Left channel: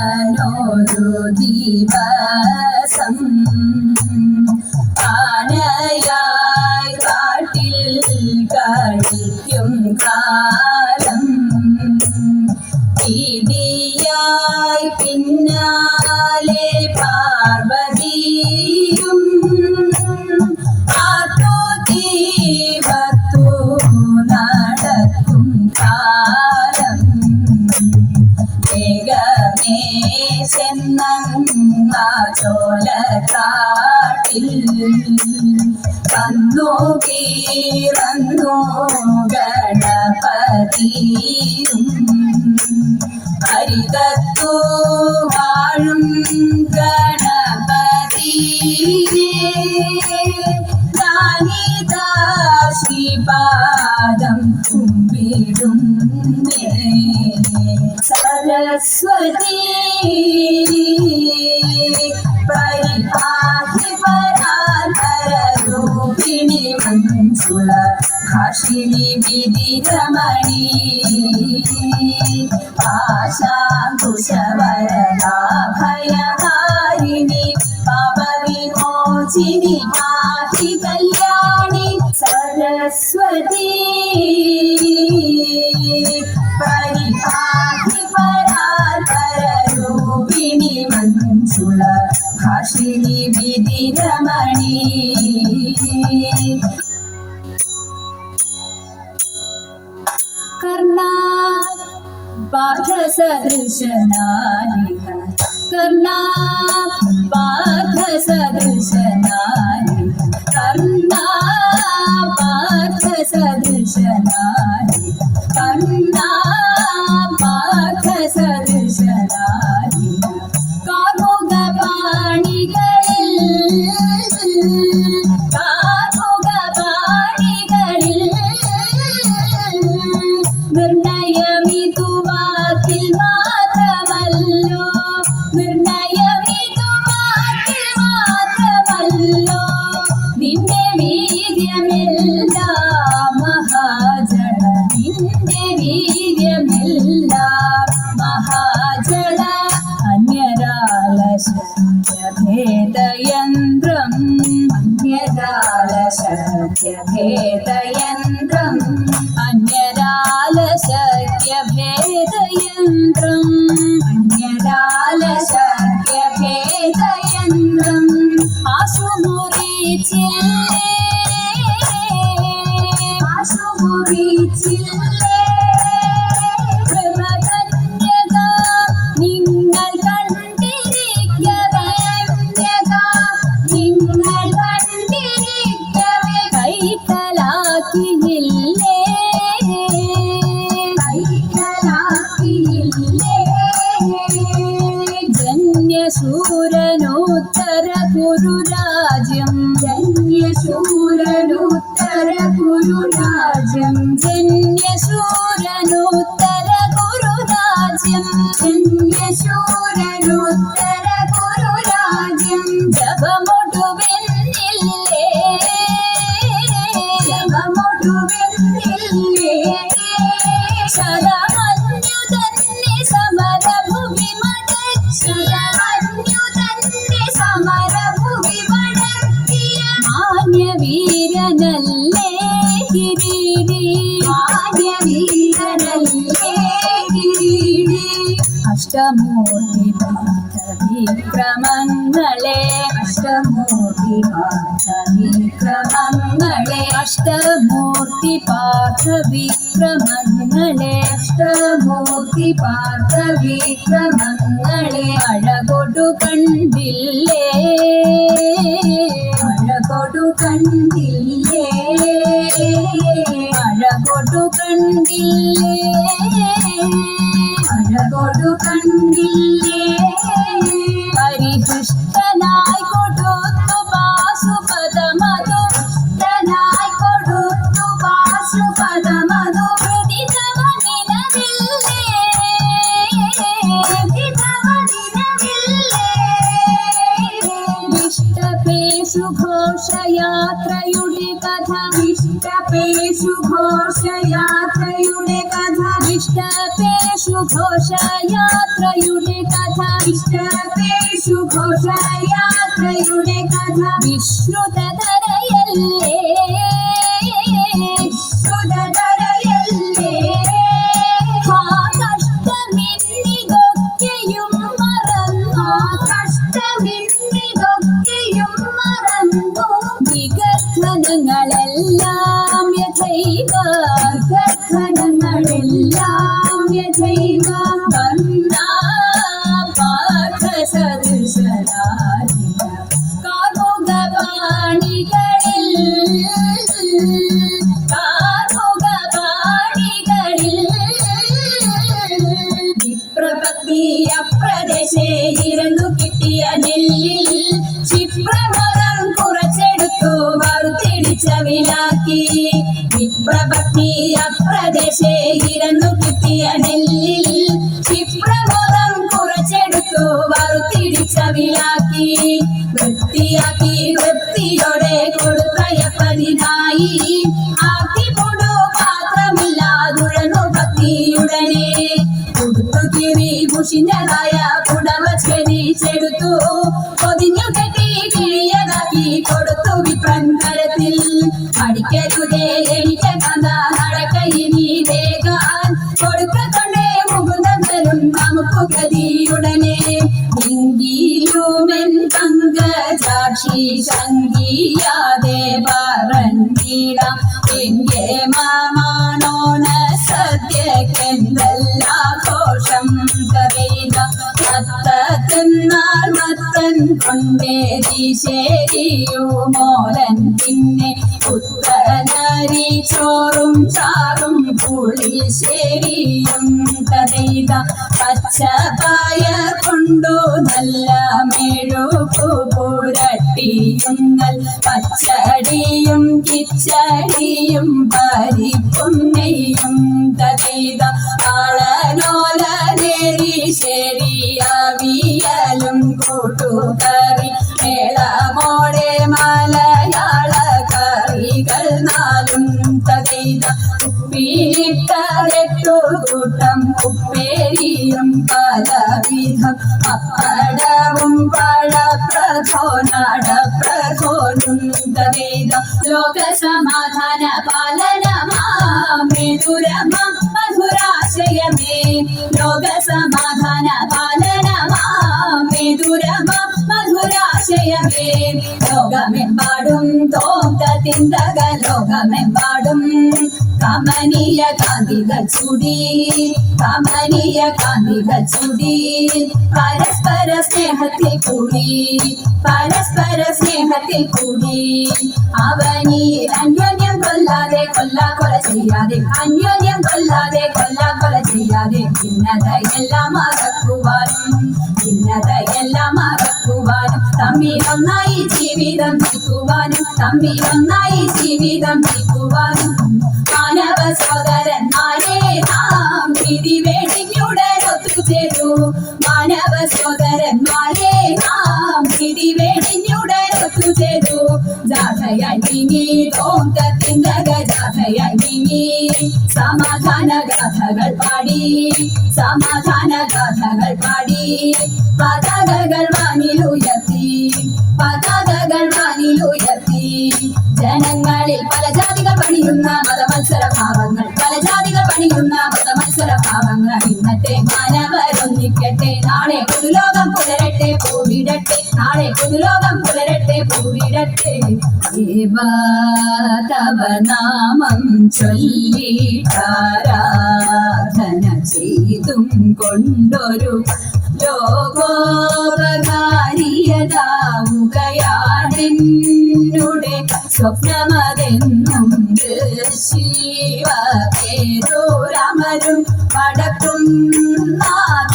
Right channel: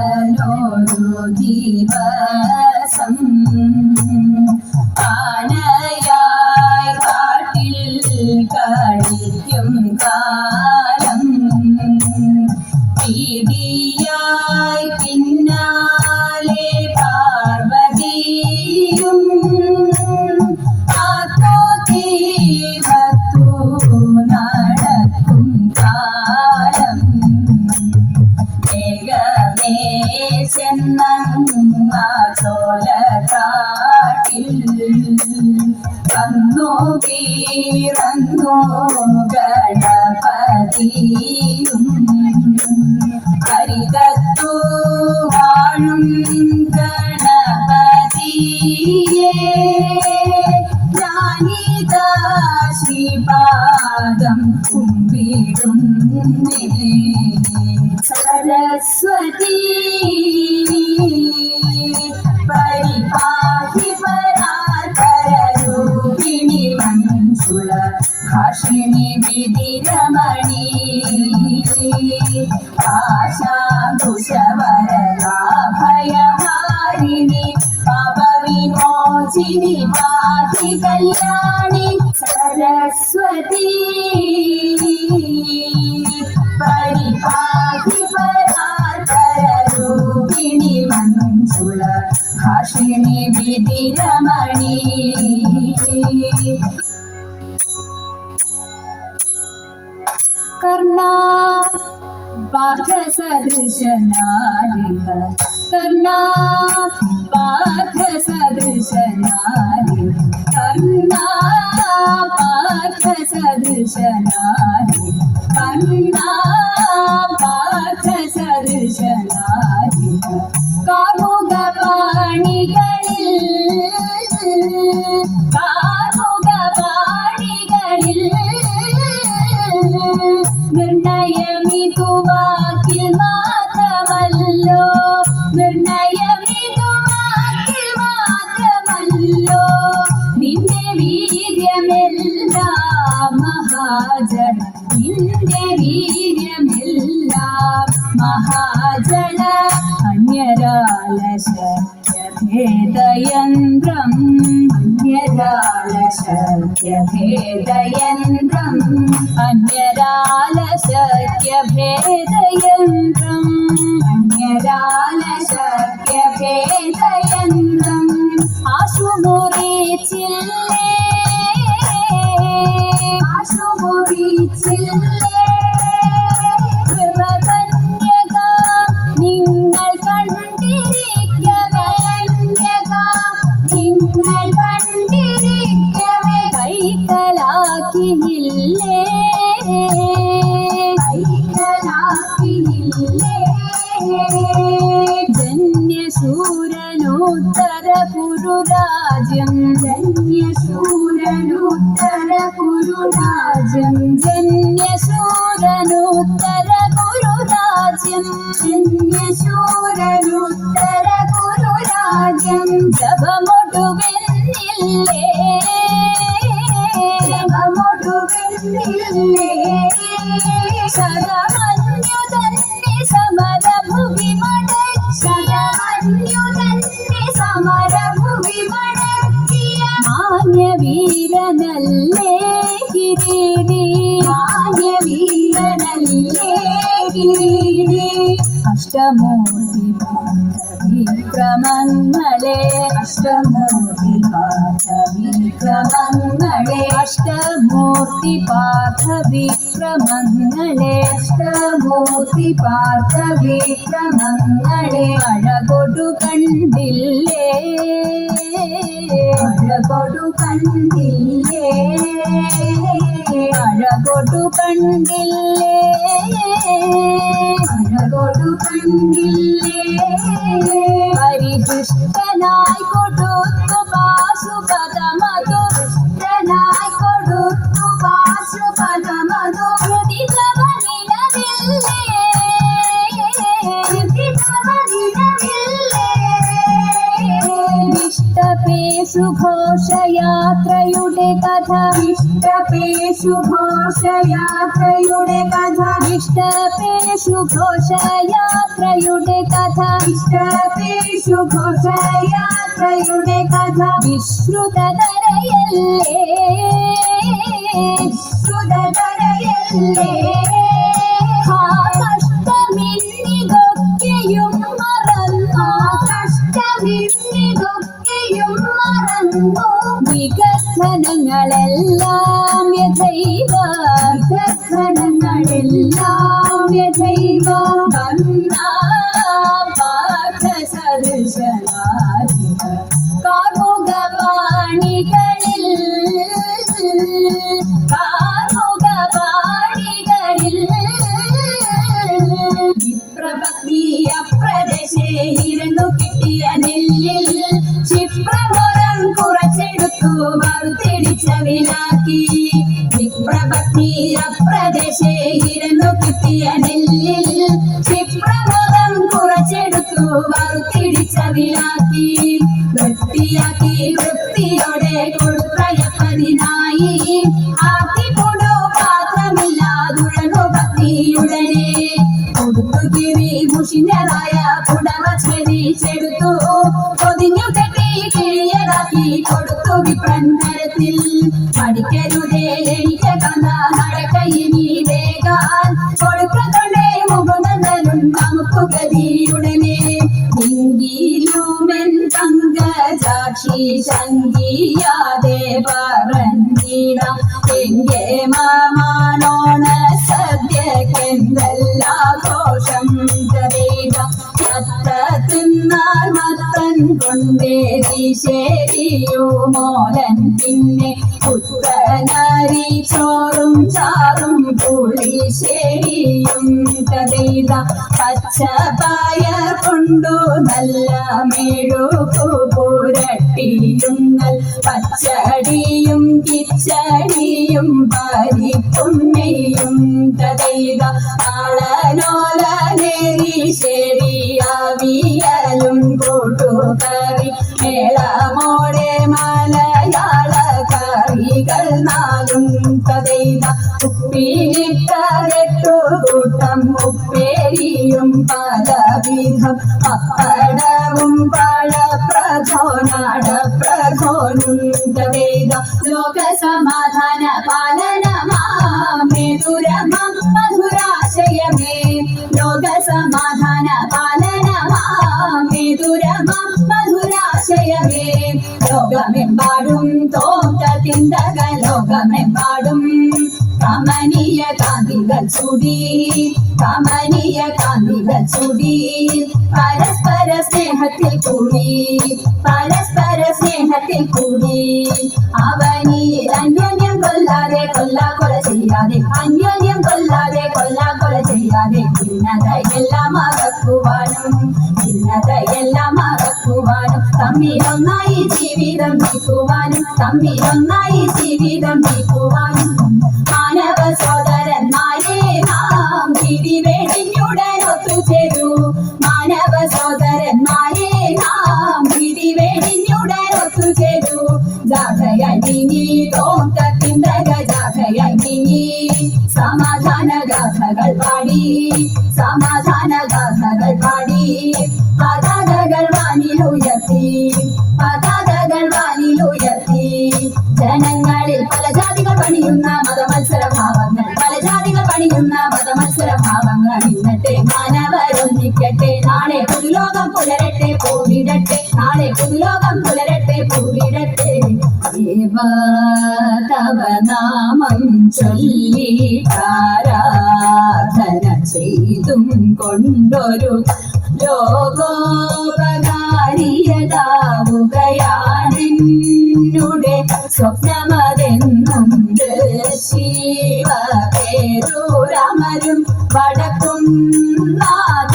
അവനൊരു ദിവസം ആനയായി കാട്ടിൽ കഴിക്കും കാലം ഇടിയായി പിന്നാലെ പാർവതിയും ആത്മദീപത്തു നടക്കും കാലം വേഗമേ ചെന്നങ്ങ ചോലക്കാട്ടിൽ വന്നു കീറന്നു ഗണപതിയും ഹരിതത്തു വാഴും ഗണപതിയേ ഞാനിതാ ശ്രീപാദം കുമ്പിടുന്നേ സരസ്വതി പരിപാഹി പരാധരൂപിണി മഞ്ജുള ഭാഷിണി വിധിരമണി ആശാകുശവരലാഭയഹാരിണി പാപവിമോചിനി പാഹി കല്യാണി സരസ്വതി പരിപാഹി പരാധരൂപിണി മഞ്ജുള ഭാഷിണി വിധിരമണി कर्णा पार्थसदृशनारिह कर्णा पार्थसदृशनारिह कर्णा पार्थसदृशनारिह कर्णा पार्थसदृशनारिह നിർണയമിതു വാക്കിൽ മാത്രമല്ലോ നിന്റെ വീര്യമെല്ലാം മഹാജല നിന്റെ വീര്യമെല്ലാം മഹാജല അന്യരാലശക്യഭേദയന്ത്രം അന്യരാലശക്യഭേദയന്ത്രം അന്യരാലശക്യഭേദയന്ത്രം അന്യരാലശക്യഭേദയന്ത്രം ആശുമുറിച്ചില്ലേ ആശുമുറിച്ചില്ലേ നിങ്ങൾ കണ്ടിരിക്കവേ നിങ്ങൾ കണ്ടിരിക്കവേ കൈക്കലാക്കിയില്ലേ ജന്യശൂരനുത്തര കുരുരാജ്യം ജന്യശൂരനുത്തര കുരുരാജ്യം ജന്യശൂരനുത്തര കുരുരാജ്യം ജന്യശൂരനുത്തര കുരുരാജ്യം ജപമൊടുവെന്നില്ലേ ജപമൊടുവെന്നില്ലേ ശതമന്യു തന്നെ സമരഭുവി ശതമന്യു തന്നെ സമരഭുവി മടക്കിയ മാന്യവീരനല്ലേ കിരീടി മാന്യവീരനല്ലേ കിരീടി അഷ്ടമൂർത്തി വിക്രമങ്ങളെ അഷ്ടമൂർത്തി വിക്രമങ്ങളെ അഷ്ടമൂർത്തി പാർത്ഥ വിക്രമങ്ങളെ അഷ്ടമൂർത്തി പാർത്ഥ വിക്രമങ്ങളെ അഴകൊടു കണ്ടില്ലേ അഴകൊടു കണ്ടില്ലേ അഴകൊടു കണ്ടില്ലേ അഴകൊടു കണ്ടില്ലേ പരികൃഷ്ടനായി കൊടുത്തു പാശുപദമതു കൃഷ്ണനായി കൊടുത്തു പാശുപദമതു ഹൃദിതവ നിലവില്ലേ ഹൃദിതവ നിലവില്ലേ ഇഷ്ടപേഷു ഘോഷയാത്രയുടെ കഥ ഇഷ്ടപേഷു ഘോഷയാത്രയുടെ കഥ ഇഷ്ടപേഷു ഘോഷയാത്രയുടെ ഘോഷയാത്രയുടെ കഥ ഇഷ്ടപേഷു ഘോഷയാത്രയുടെ കഥ വിശ്രുതതരയല്ലേ സുതതരയല്ലേ ആ കഷ്ടമിന്നിതൊക്കെയും മറന്നു കഷ്ടമിതൊക്കെയും മറന്നു വികഥനങ്ങളെല്ലാം യഥൈവ കഥനങ്ങളെല്ലാം യഥൈവ പാഠസദൃശനാരിക കാർമുകപാണികളിൽ വിപ്രപത്നി അപ്രദേശേ ഇരന്നു കിട്ടിയ നെല്ലിൽ ക്ഷിപ്രമോദം കുറച്ചെടുത്തു വറുത്തിടിച്ച വിലാക്കി വിപ്രപത്നി അപ്രദേശേ ഇരന്നു കിട്ടിയ നെല്ലിൽ ക്ഷിപ്രമോദം കുറച്ചെടുത്തു വറുത്തിടിച്ച വിലാക്കി വൃത്തിയാക്കി വൃത്തിയോടെ കൊടുത്തയപ്പതിനായി ആർത്തിക്കൊണ്ടു പാത്രമില്ലാതുഴന്നു ഭക്തിയുടനെ കൊടുത്തു കീറി മുഷിഞ്ഞതായ പുടവ ഛേദിച്ചെടുത്തു പൊതിഞ്ഞു കെട്ടി കിഴിയതാക്കി കൊടുത്തു വിപ്രൻ കരത്തിൽ പഠിക്കരുതേ എനിക്ക് കഥ നടക്കയിനി വേഗാൻ കൊടുക്കത്തൊണ്ടേ മുകുന്ദനും നമുക്ക് ഗതിയുടനെ എങ്കിലുമെൻ പങ്കജാക്ഷി ശങ്കിയാതെ പറഞ്ഞിടാം എങ്കെ മാമാനോണ സദ്യക്കെന്തെല്ലാഘോഷം കവേദ മത്ത തിന്നാൽ മത്തൻ കൊണ്ടേരി ശരിയോ മോലൻ പിന്നെ പുത്തനരി ചോറും ചാറും പുളിശ്ശേരിയും കഥയിത പച്ചപ്പായ കൊണ്ടു നല്ല മെഴുകു പുരട്ടിയുന്നൽ പച്ചടിയും കിച്ചടിയും പരിപ്പും നെയ്യും കഥയിത ആളനോല നേരി ശരിയാവിയലും കൂട്ടുകറി മേളമോടെ മലയാള കറികൾ നാലും കഥയിത ഉപ്പിലിട്ടു കൂട്ടം ഉപ്പേരിയും പലവിധം പപ്പടവും പഴപ്രഥോനടപ്രഥോനും കഥയിത ലോകസമാധാന പാലനമാമെതുരമം മധുരാശയമേ ലോകസമാധാന പാലനമാമെതുരമം മധുരാശയമേ ലോകമെമ്പാടും തോറ്റ തിന്തക ലോകമെമ്പാടും കമനീയ കാന്തികൾ ചുടി കമനീയ കാന്തികൾ ചുടി പരസ്പര സ്നേഹത്തിൽ കൂടി പരസ്പര സ്നേഹത്തിൽ കൂടി അവനിൽ അന്യോന്യം കൊല്ലാതെ കൊല ചെയ്യാതെ അന്യോന്യം കൊല്ലാതെ കൊല ചെയ്യാതെ ഭിന്നതയെല്ലാം മറക്കുവാനും ഭിന്നതയെല്ലാം മറക്കുവാനും തമ്മിലൊന്നായി ജീവിതം നീക്കുവാനും തമ്മിലൊന്നായി ജീവിതം നീക്കുവാനും മാനവ സോദരന്മാരെ നാം വിധി വെടിഞ്ഞുടനൊത്തുചേരൂ മാനവ സോദരന്മാരെ നാം വിധി വെടിഞ്ഞുടനൊത്തുചേരൂ ജാഥയായി നീങ്ങി തോങ്കത്തിന്തക ജാഥയായി നീങ്ങി സമാധാന ഗാഥകൾ പാടി സമാധാന ഗാഥകൾ പാടി പതാകകൾ വാനിലുയർത്തി പതാകകൾ വാനിലുയർത്തി ജനങ്ങളിൽ പല ജാതികൾ പണിയുന്ന മതമത്സരഭാവങ്ങൾ പല ജാതികൾ പണിയുന്ന മതമത്സരഭാവങ്ങൾ ഇന്നത്തെ മാനവരൊന്നിക്കട്ടെ നാളെ പുതുലോകം പുലരട്ടെ പൂവിടട്ടെ നാളെ പുതുലോകം പുലരട്ടെ പൂവിടട്ടെ തവ നാമം ചൊല്ലി ആരാധന ചെയ്തും കൊണ്ടൊരു ലോകോപകാരിയതാവുകയാണെന്നുടെ സ്വപ്നമതെന്നും ശിവ പേരൂരമരും വടക്കും നാഥ